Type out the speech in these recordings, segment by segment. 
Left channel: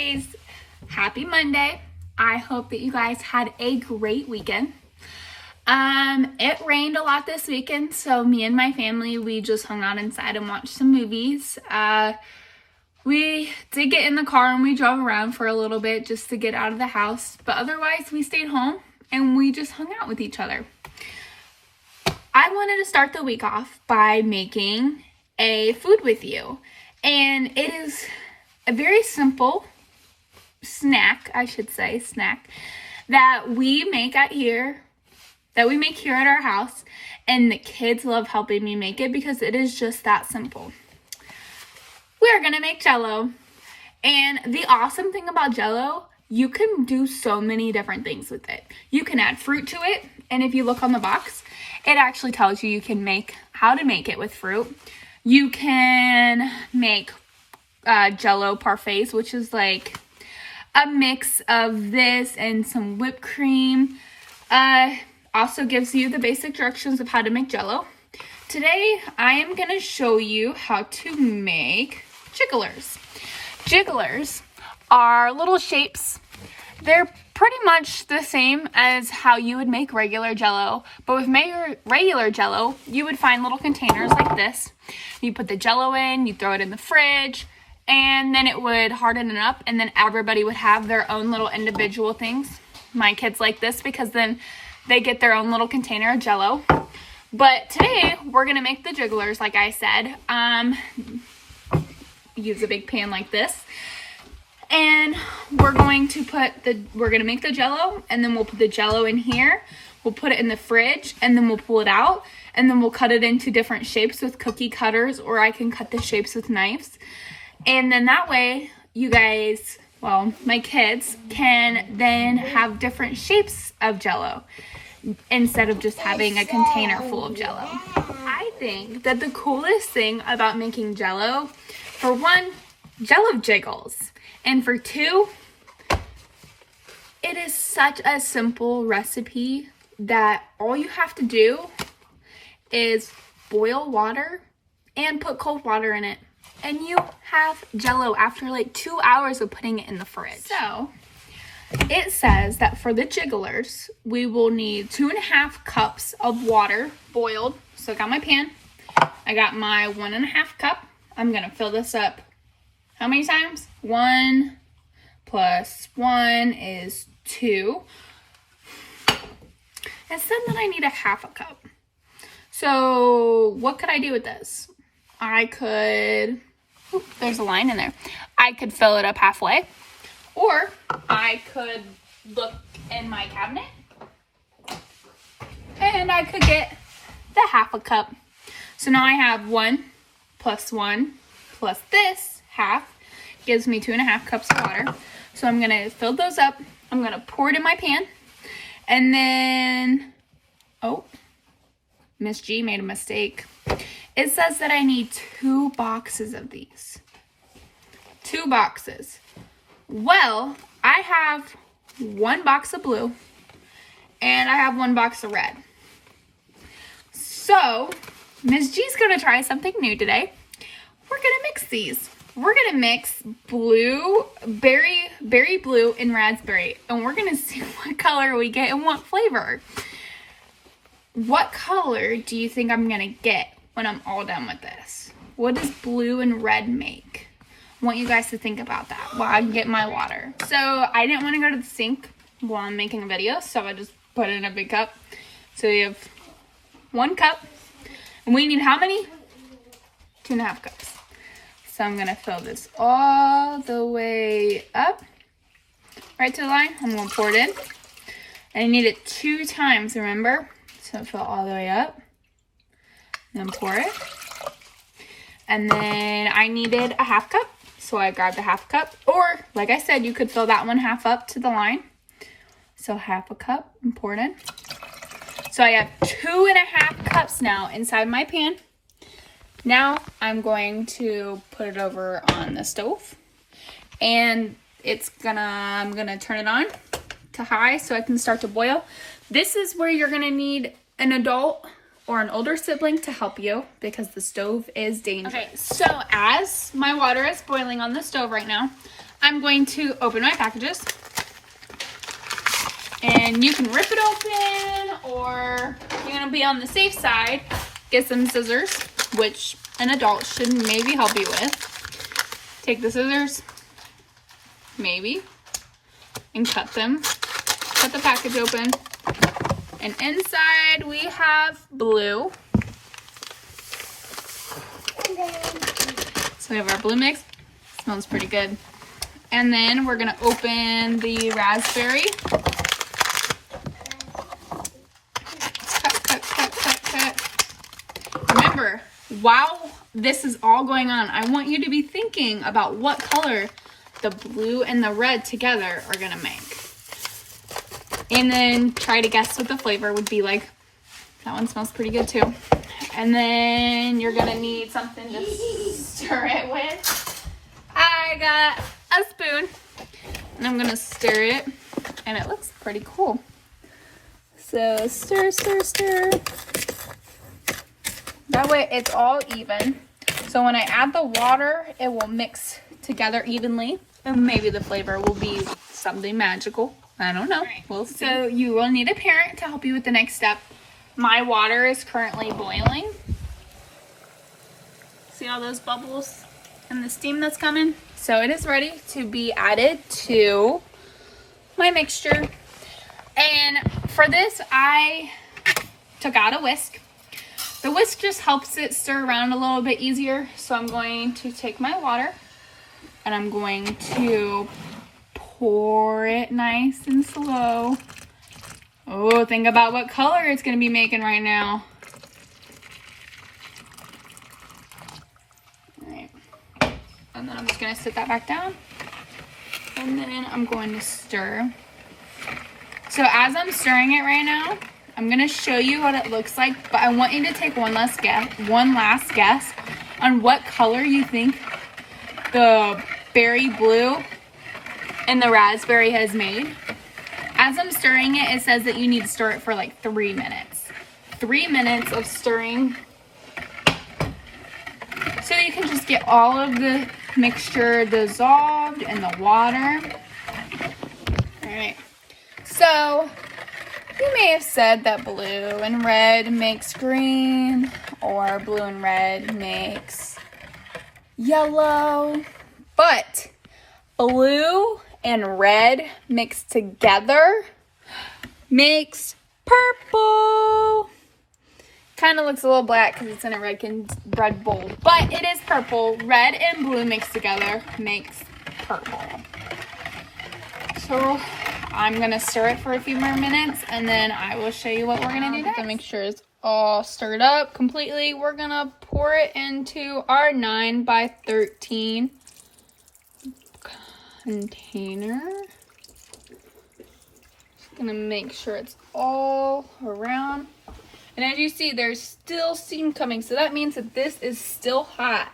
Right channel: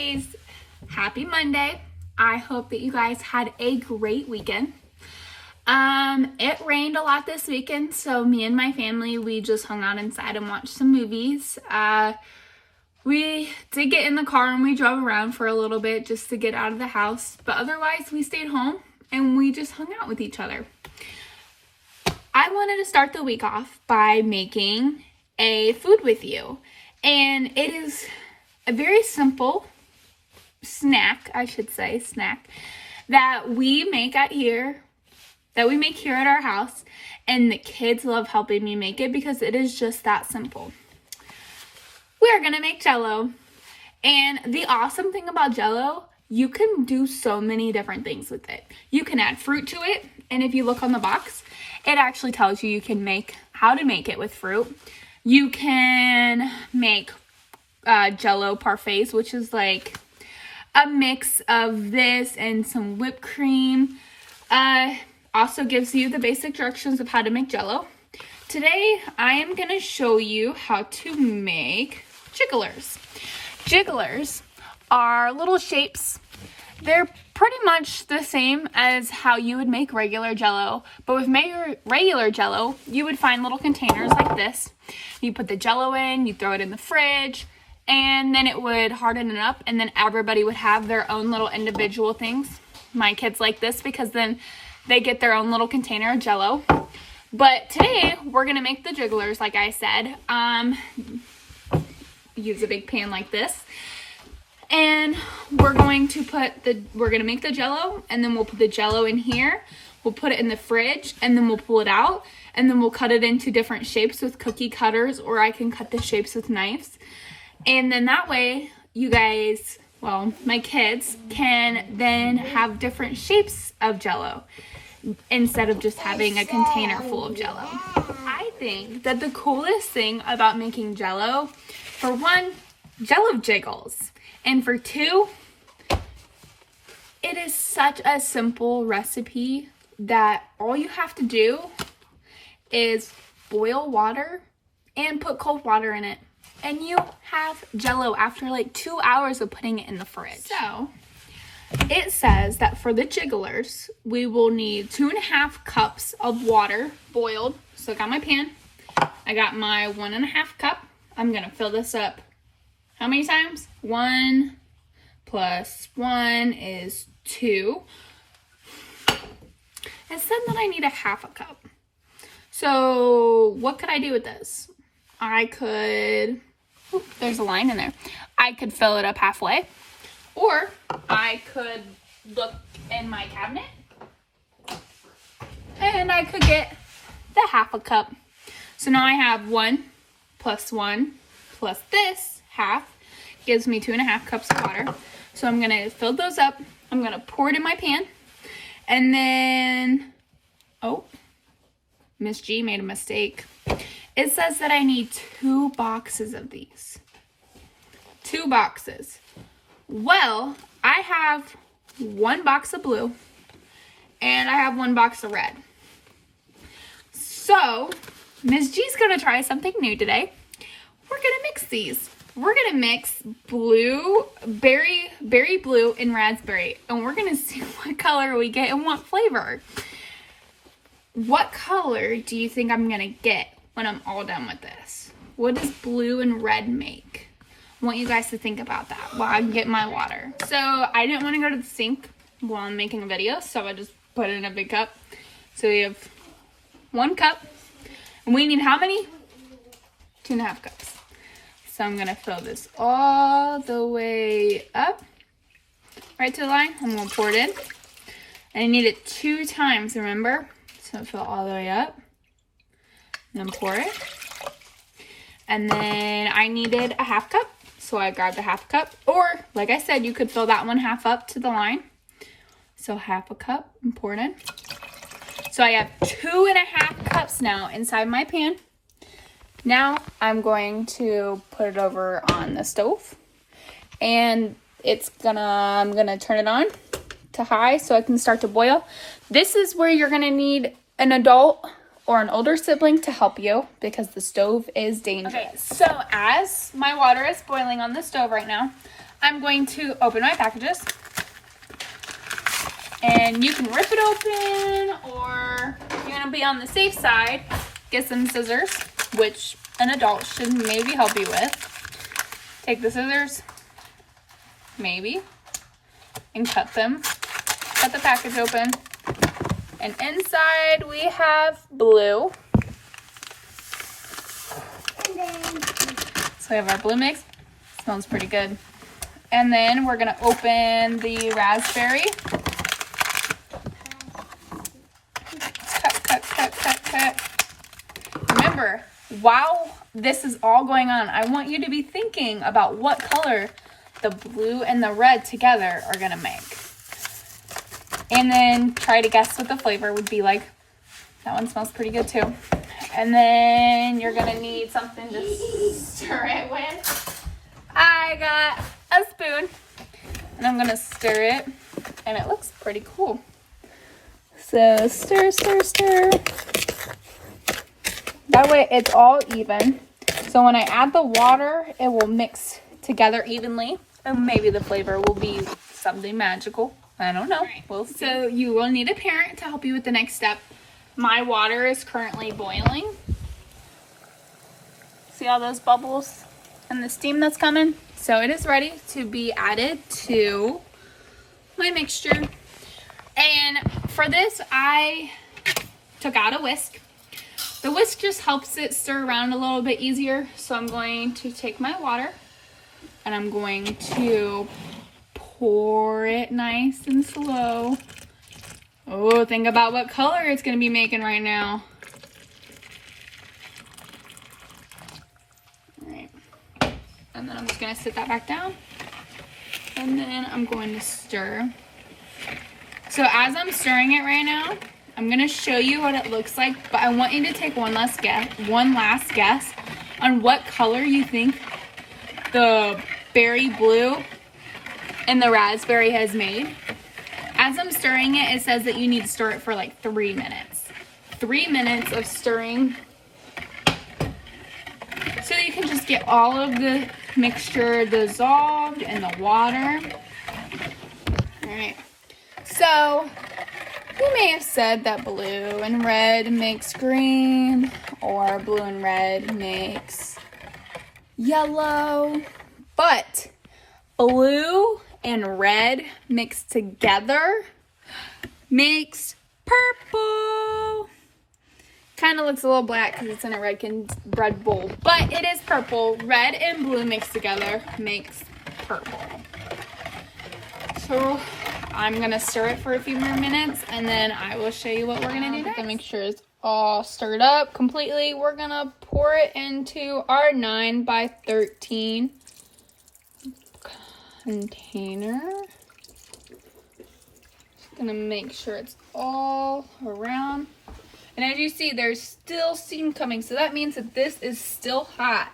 guys, happy Monday. I hope that you guys had a great weekend. It rained a lot this weekend, so me and my family, we just hung out inside and watched some movies. We did get in the car and we drove around for a little bit just to get out of the house, but otherwise we stayed home and we just hung out with each other. I wanted to start the week off by making a food with you, and it is a very simple snack, that we make here at our house, and the kids love helping me make it because it is just that simple. We are gonna make Jello, and the awesome thing about Jello, you can do so many different things with it. You can add fruit to it, and if you look on the box, it actually tells you can make how to make it with fruit. You can make Jello parfaits, which is like a mix of this and some whipped cream. Also gives you the basic directions of how to make Jello. Today, I am going to show you how to make jigglers. Jigglers are little shapes. They're pretty much the same as how you would make regular Jello, but with regular Jello, you would find little containers like this. You put the Jello in, you throw it in the fridge, and then it would harden it up, and then everybody would have their own little individual things. My kids like this because then they get their own little container of Jello. But today, we're going to make the jigglers, like I said. Use a big pan like this. And we're going to make the Jello, and then we'll put the Jello in here. We'll put it in the fridge, and then we'll pull it out, and then we'll cut it into different shapes with cookie cutters, or I can cut the shapes with knives. And then that way, you guys, my kids can then have different shapes of Jello instead of just having a container full of Jello. I think that the coolest thing about making Jello, for one, Jello jiggles. And for two, it is such a simple recipe that all you have to do is boil water and put cold water in it. And you have Jello after like 2 hours of putting it in the fridge. So, it says that for the jigglers, we will need 2.5 cups of water boiled. So I got my pan. I got my 1.5 cup. I'm going to fill this up. How many times? 1 plus 1 is 2. It said that I need 1/2 cup. So what could I do with this? I could, there's a line in there. I could fill it up halfway, or I could look in my cabinet and I could get the 1/2 cup. So now I have 1 plus 1 plus this half gives me 2.5 cups of water. So I'm going to fill those up. I'm going to pour it in my pan. And then, Miss G made a mistake. It says that I need 2 boxes of these. 2 boxes. Well, I have 1 box of blue and I have 1 box of red. So, Miss G's going to try something new today. We're going to mix these. We're going to mix blue, berry blue, and raspberry. And we're going to see what color we get and what flavor. What color do you think I'm going to get when I'm all done with this? What does blue and red make? I want you guys to think about that while I get my water. So I didn't want to go to the sink while I'm making a video, so I just put it in a big cup. So we have 1 cup. And we need how many? 2.5 cups. So I'm going to fill this all the way up, right to the line. I'm going to pour it in. And I need it 2 times, remember? So fill all the way up. Then pour it. And then I needed 1/2 cup. So I grabbed a 1/2 cup. Or, like I said, you could fill that one half up to the line. So 1/2 cup and pour it in. So I have 2.5 cups now inside my pan. Now I'm going to put it over on the stove, and I'm gonna turn it on to high so it can start to boil. This is where you're gonna need an adult or an older sibling to help you because the stove is dangerous. Okay, so as my water is boiling on the stove right now, I'm going to open my packages. And you can rip it open, or if you're gonna be on the safe side, get some scissors, which an adult should maybe help you with. Take the scissors, maybe, and cut them. Cut the package open. And inside we have blue. So we have our blue mix. Smells pretty good. And then we're gonna open the raspberry. Remember, while this is all going on, I want you to be thinking about what color the blue and the red together are gonna make. And then try to guess what the flavor would be like. That one smells pretty good too. And then you're gonna need something to stir it with. I got a spoon, and I'm gonna stir it, and it looks pretty cool. So stir, stir, stir. That way it's all even. So when I add the water, it will mix together evenly. Or maybe the flavor will be something magical. I don't know. Right. We'll see. So you will need a parent to help you with the next step. My water is currently boiling. See all those bubbles and the steam that's coming? So it is ready to be added to my mixture. And for this, I took out a whisk. The whisk just helps it stir around a little bit easier. So I'm going to take my water and I'm going to pour it nice and slow. Oh, think about what color it's going to be making right now. All right. And then I'm just going to sit that back down. And then I'm going to stir. So as I'm stirring it right now, I'm going to show you what it looks like, but I want you to take one last guess on what color you think the berry blue and the raspberry has made. As I'm stirring it, it says that you need to stir it for like 3 minutes. 3 minutes of stirring. So you can just get all of the mixture dissolved in the water. All right. So you may have said that blue and red makes green, or blue and red makes yellow, but blue and red mixed together makes purple. Kind of looks a little black because it's in a red bowl, but it is purple. Red and blue mixed together makes purple. So I'm going to stir it for a few more minutes, and then I will show you what we're going to do next. To make sure it's all stirred up completely, we're going to pour it into our 9 by 13 container. Just going to make sure it's all around. And as you see, there's still steam coming, so that means that this is still hot.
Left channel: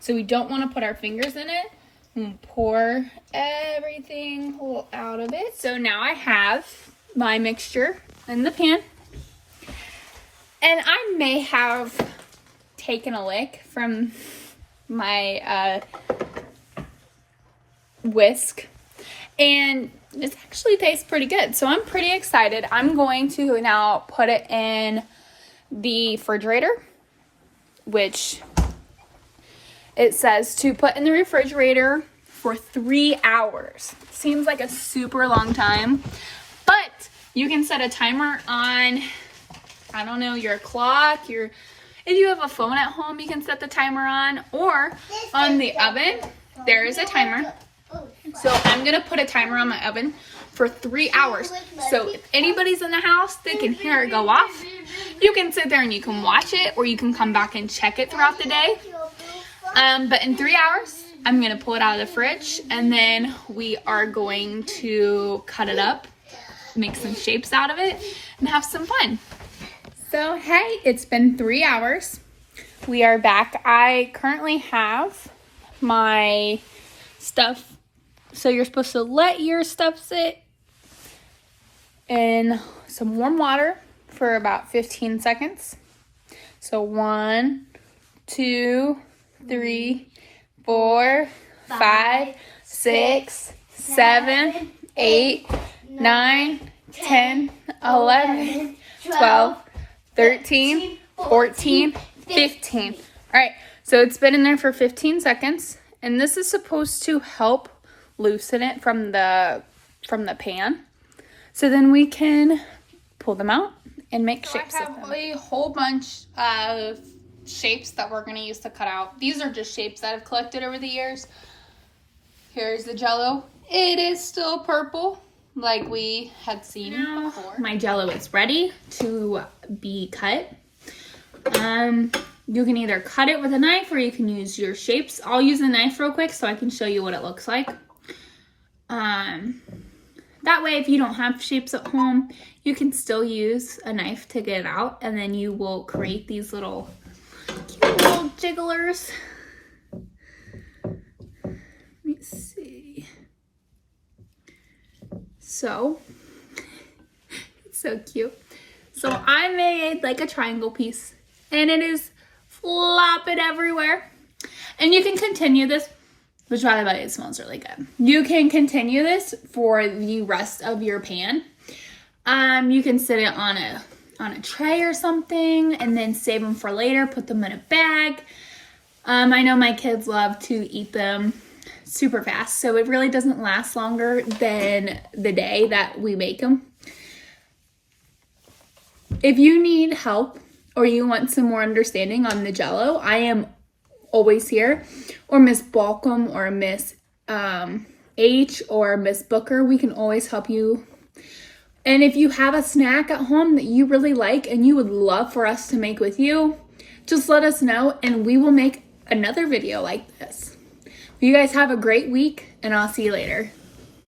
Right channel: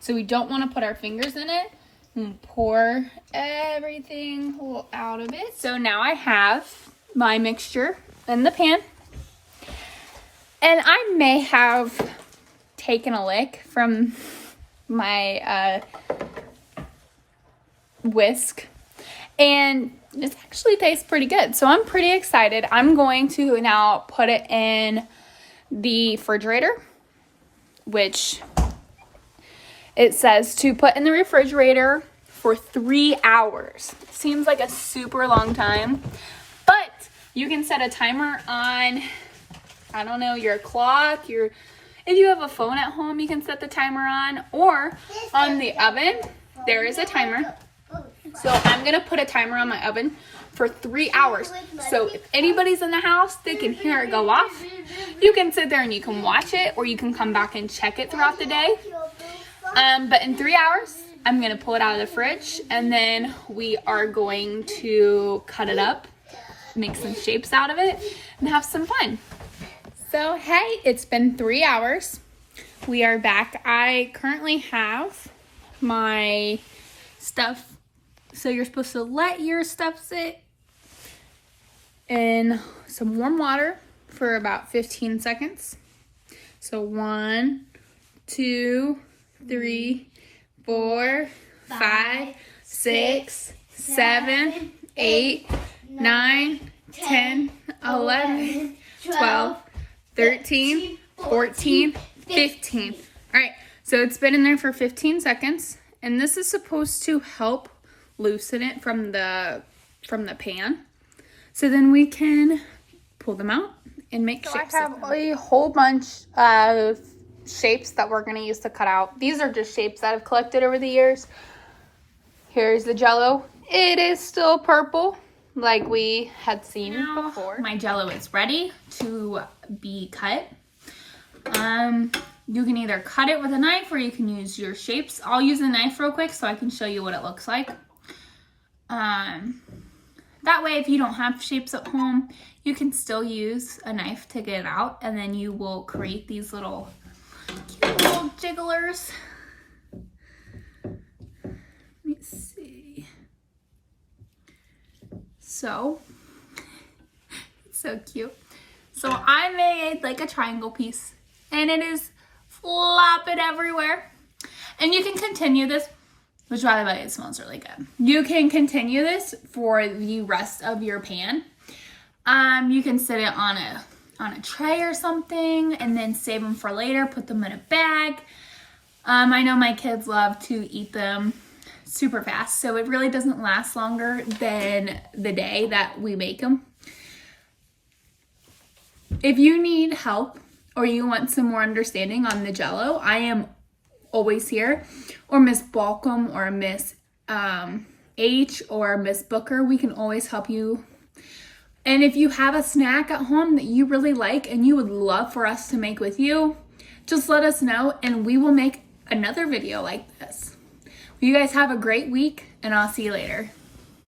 So we don't want to put our fingers in it. And pour everything out of it. So now I have my mixture in the pan. And I may have taken a lick from my whisk. And it actually tastes pretty good. So I'm pretty excited. I'm going to now put it in the refrigerator, which it says to put in the refrigerator for 3 hours. Seems like a super long time, but you can set a timer on, I don't know, your clock, if you have a phone at home, you can set the timer on, or on the oven, there is a timer. So I'm gonna put a timer on my oven for 3 hours. So if anybody's in the house, they can hear it go off. You can sit there and you can watch it, or you can come back and check it throughout the day. But in 3 hours, I'm going to pull it out of the fridge, and then we are going to cut it up, make some shapes out of it, and have some fun. So, hey, it's been 3 hours. We are back. I currently have my stuff. So you're supposed to let your stuff sit in some warm water for about 15 seconds. So 1, 2, 3, 4, 5, 6, 7, 8, 9, 10, 11, 12, 13, 14, 15. All right, so it's been in there for 15 seconds, and this is supposed to help loosen it from the pan. So then we can pull them out and make shapes. I have a whole bunch of shapes that we're going to use to cut out. These are just shapes that I've collected over the years. Here's the Jello. It is still purple like we had seen before. My Jello is ready to be cut. You can either cut it with a knife or you can use your shapes. I'll use a knife real quick so I can show you what it looks like. That way, if you don't have shapes at home, you can still use a knife to get it out, and then you will create these little cute little jigglers. Let me see. So, it's so cute. So I made like a triangle piece, and it is flopping everywhere. And you can continue this. Which, by the way, it smells really good. You can continue this for the rest of your pan. You can sit it on a tray or something, and then save them for later. Put them in a bag. I know my kids love to eat them super fast, so it really doesn't last longer than the day that we make them. If you need help or you want some more understanding on the Jello, I am always here, or Miss Balcom or Miss H or Miss Booker. We can always help you. And if you have a snack at home that you really like and you would love for us to make with you, just let us know and we will make another video like this. You guys have a great week, and I'll see you later.